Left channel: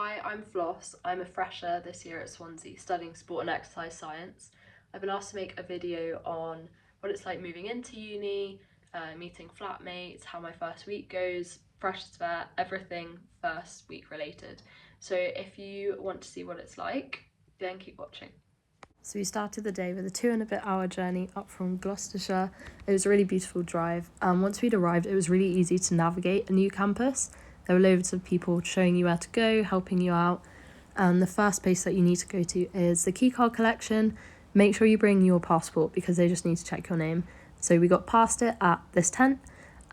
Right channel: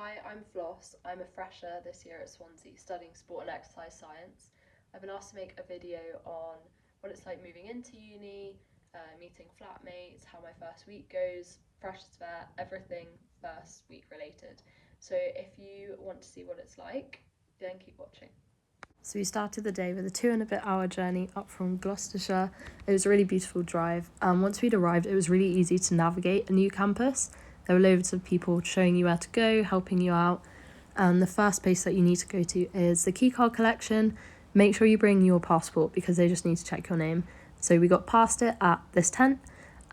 Hi, I'm Floss. I'm a fresher this year at Swansea studying sport and exercise science. I've been asked to make a video on what it's like moving into uni, meeting flatmates, how my first week goes, Freshers Fayre, everything first week related. So if you want to see what it's like, then keep watching. So we started the day with a 2.5 hour journey up from Gloucestershire. It was a really beautiful drive. Once we'd arrived, it was really easy to navigate a new campus. There were loads of people showing you where to go, helping you out. And the first place that you need to go to is the keycard collection. Make sure you bring your passport because they just need to check your name. So we got past it at this tent,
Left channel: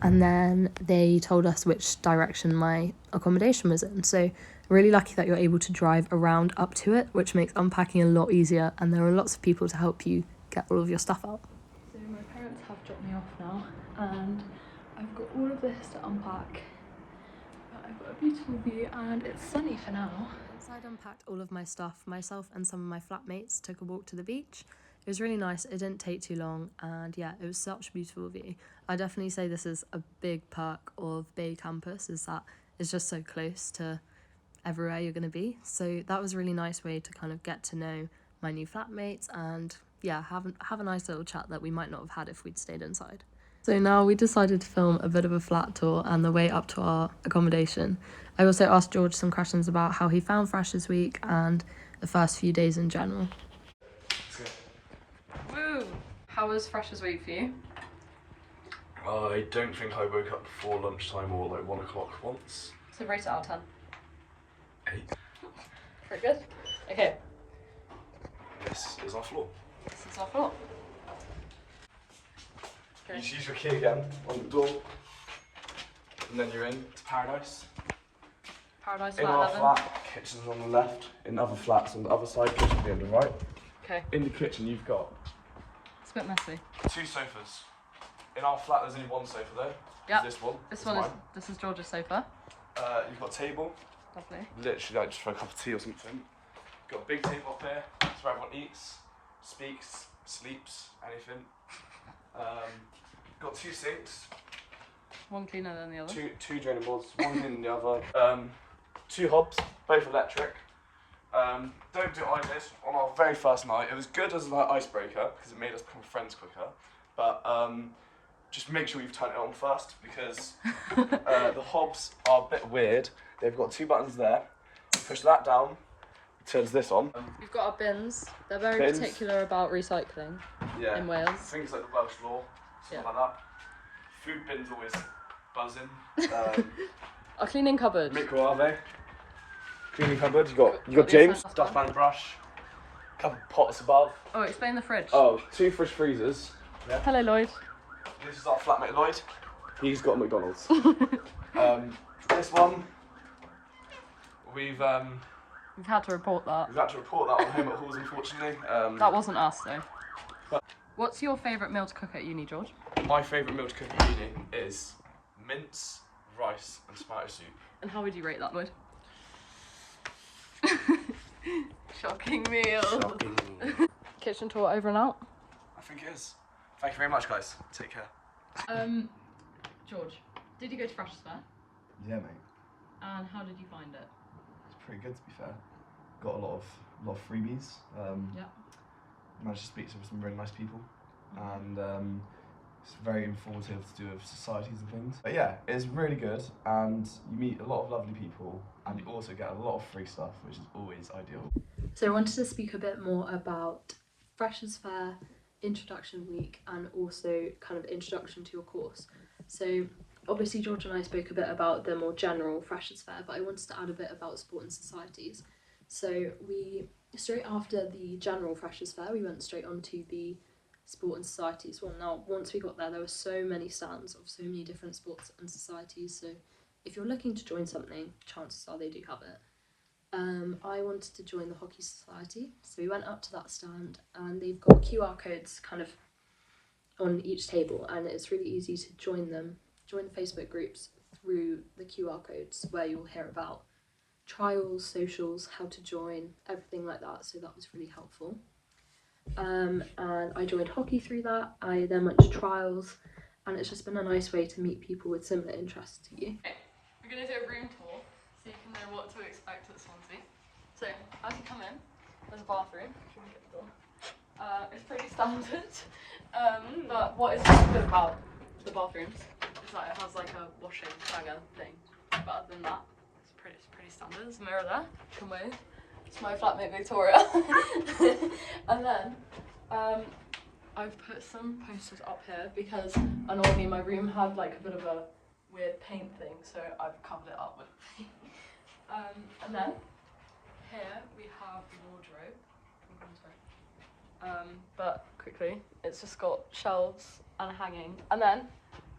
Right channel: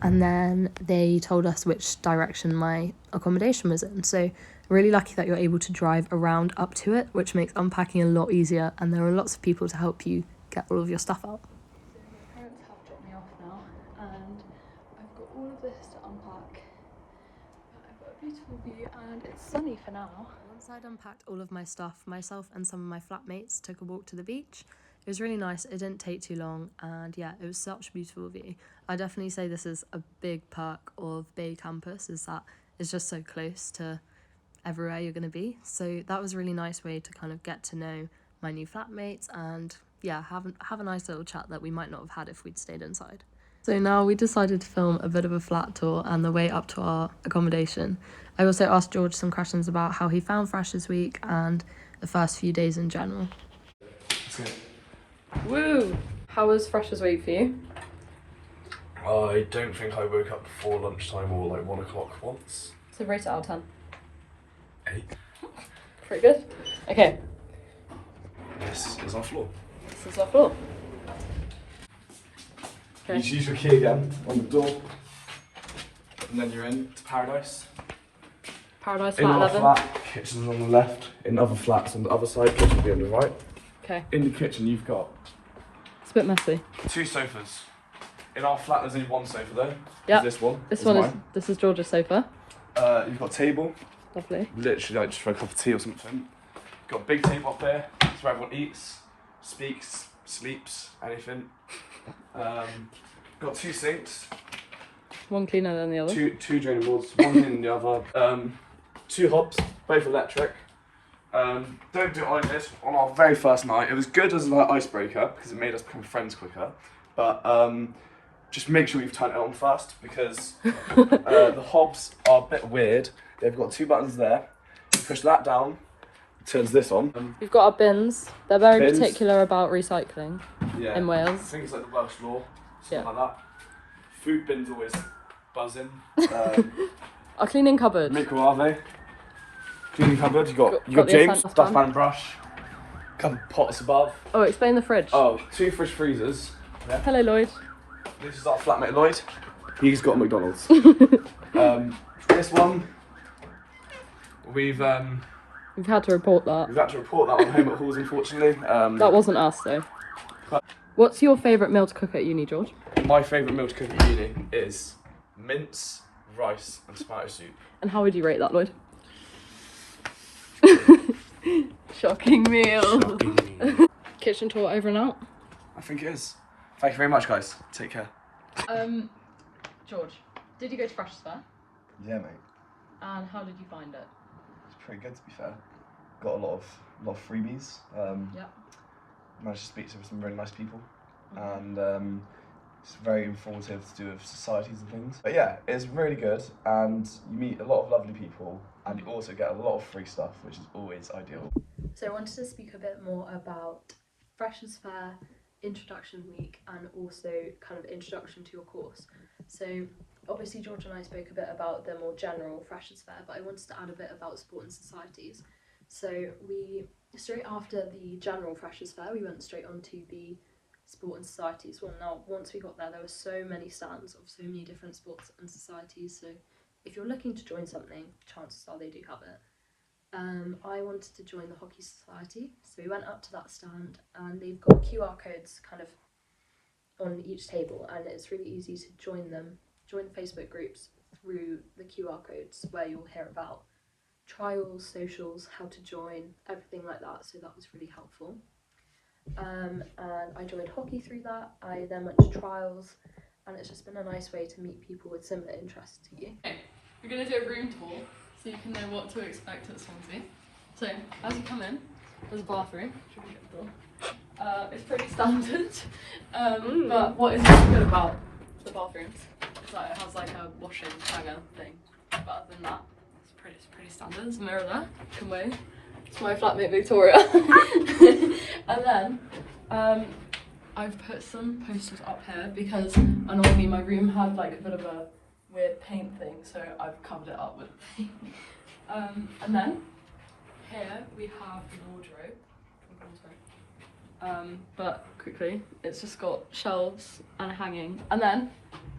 and then they told us which direction my accommodation was in. So really lucky that you're able to drive around up to it, which makes unpacking a lot easier, and there are lots of people to help you get all of your stuff out. So my parents have dropped me off now, and I've got all of this to unpack. I've got a beautiful view and it's sunny for now. Once I'd unpacked all of my stuff, myself and some of my flatmates took a walk to the beach. It was really nice, it didn't take too long, and yeah, it was such a beautiful view. I definitely say this is a big perk of Bay campus, is that it's just so close to everywhere you're going to be. So that was a really nice way to kind of get to know my new flatmates and yeah, have a nice little chat that we might not have had if we'd stayed inside. So now we decided to film a bit of a flat tour and the way up to our accommodation. I also asked George some questions about how he found Freshers Week and the first few days in general. Woo! How was Freshers Week for you? I don't think I woke up before lunchtime or like 1 o'clock once. So rate it out of 10. 8. Pretty good. Okay. This is our floor. This is our floor. You just use your key again on the door, and then you're in to Paradise. Paradise in flat our 11. flat, kitchen's on the left. In other flats on the other side, kitchen will be on the right. Okay. In the kitchen you've got... It's a bit messy. 2 sofas. In our flat there's only 1 sofa though. Yeah. This one. This is George's sofa. You've got a table. Lovely. Literally like just for a cup of tea or something. You've got a big table up there. It's where everyone eats, speaks, sleeps, anything. Got 2 sinks. One cleaner than the other. Two draining boards, one in the other. 2 hobs, both electric. Don't do it I did on our very first night. It was good as an icebreaker because it made us become friends quicker. But just make sure you've turned it on first because the hobs are a bit weird. They've got 2 buttons there. You push that down, it turns this on. We've got our bins. They're very particular about recycling in Wales. I think it's like the Welsh law, stuff like that. Food bins always buzzing. Our cleaning cupboard. Microwave. Cleaning cupboard. You got James, dustpan brush, a couple pots above. Oh, explain the fridge. Oh, 2 fridge freezers. Yeah. Hello, Lloyd. This is our flatmate Lloyd. He's got a McDonald's. This one, we've had to report that. We've had to report that on home at halls, unfortunately. That wasn't us, though. What's your favourite meal to cook at uni, George? My favourite meal to cook at uni is mince, rice, and tomato soup. And how would you rate that, Lloyd? Shocking meal. Shocking meal. Kitchen tour over and out? I think it is. Thank you very much, guys. Take care. George, did you go to Freshers Fayre? Yeah, mate. And how did you find it? It's pretty good, to be fair. Got a lot of freebies. Yeah. Managed to speak to some really nice people, and it's very informative to do with societies and things. But yeah, it's really good, and you meet a lot of lovely people, and you also get a lot of free stuff, which is always ideal. So I wanted to speak a bit more about Freshers Fayre, Introduction Week, and also kind of introduction to your course. So obviously George and I spoke a bit about the more general Freshers Fayre, but I wanted to add a bit about sport and societies. So we, straight after the general Freshers Fayre, we went straight on to the sport and societies one. Now, once we got there were so many stands of so many different sports and societies, so if you're looking to join something, chances are they do have it. I wanted to join the hockey society, so we went up to that stand, and they've got QR codes kind of on each table, and it's really easy to join them, join the Facebook groups through the QR codes where you'll hear about trials, socials, how to join, everything like that, so that was really helpful. And I joined hockey through that. I then went to trials, and it's just been a nice way to meet people with similar interests to you. Okay, we're going to do a room tour. so you can know what to expect at Swansea. So, as you come in, there's a bathroom. It's pretty standard, but what is really good about the bathrooms is that it has like a washing hanger thing. But other than that, it's pretty standard. There's a mirror there. Can wave. It's my flatmate Victoria. And then I've put some posters up here because normally my room had like a bit of a weird paint thing, so I've covered it up with paint. And then here we have the wardrobe. But quickly, it's just got shelves and hanging, and then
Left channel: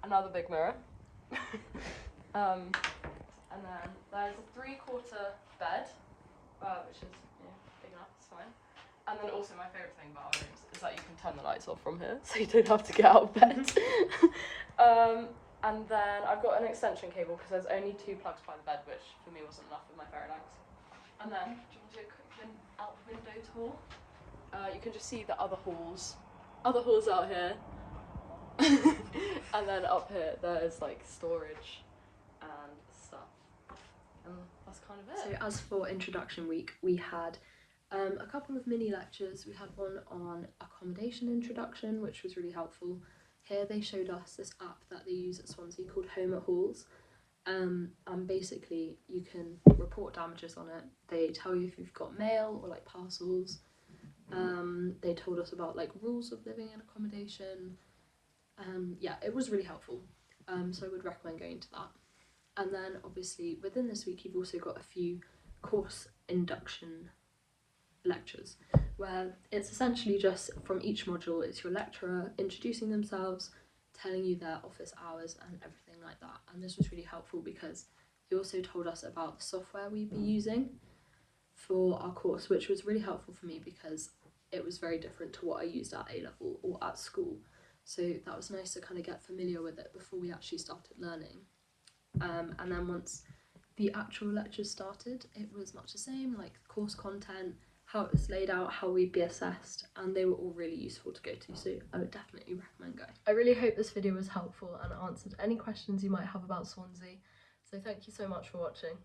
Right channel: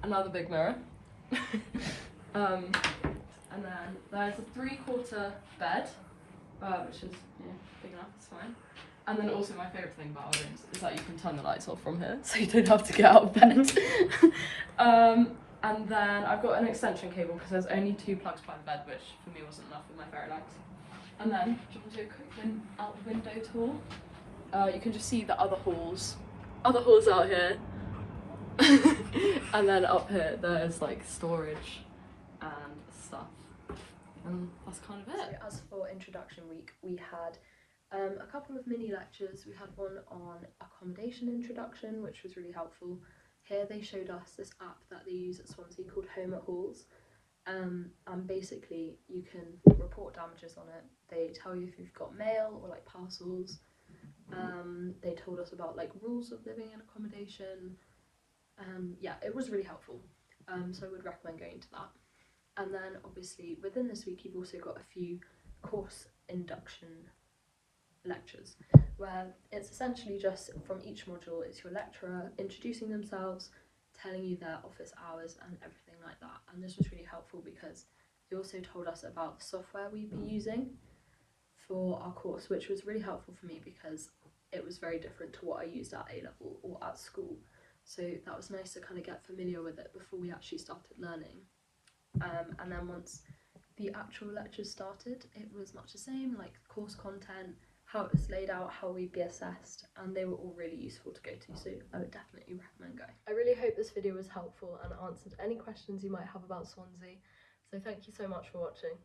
another big mirror. And then there's a 3/4 bed, which is big enough, it's fine. And then also my favourite thing about our rooms is that you can turn the lights off from here, so you don't have to get out of bed. And then I've got an extension cable because there's only 2 plugs per bed, which for me wasn't enough with my fairy lights. And then, do you want to do a quick out the window tour? You can just see the other halls out here. And then up here there's like storage and stuff. And that's kind of it. So as for introduction week, we had a couple of mini lectures. We had one on accommodation introduction, which was really helpful. Here they showed us this app that they use at Swansea called Home at Halls. And basically you can report damages on it. They tell you if you've got mail or like parcels. They told us about like rules of living in accommodation. Yeah, it was really helpful. So I would recommend going to that. And then obviously within this week you've also got a few course induction lectures where it's essentially just from each module it's your lecturer introducing themselves, telling you their office hours and everything like that. And this was really helpful because they also told us about the software we'd be using for our course, which was really helpful for me because it was very different to what I used at A-level or at school. So that was nice to kind of get familiar with it before we actually started learning. And then once the actual lectures started, it was much the same, like course content, how it was laid out, how we'd be assessed, and they were all really useful to go to, so I would definitely recommend going. I really hope this video was helpful and answered any questions you might have about Swansea, so thank you so much for watching.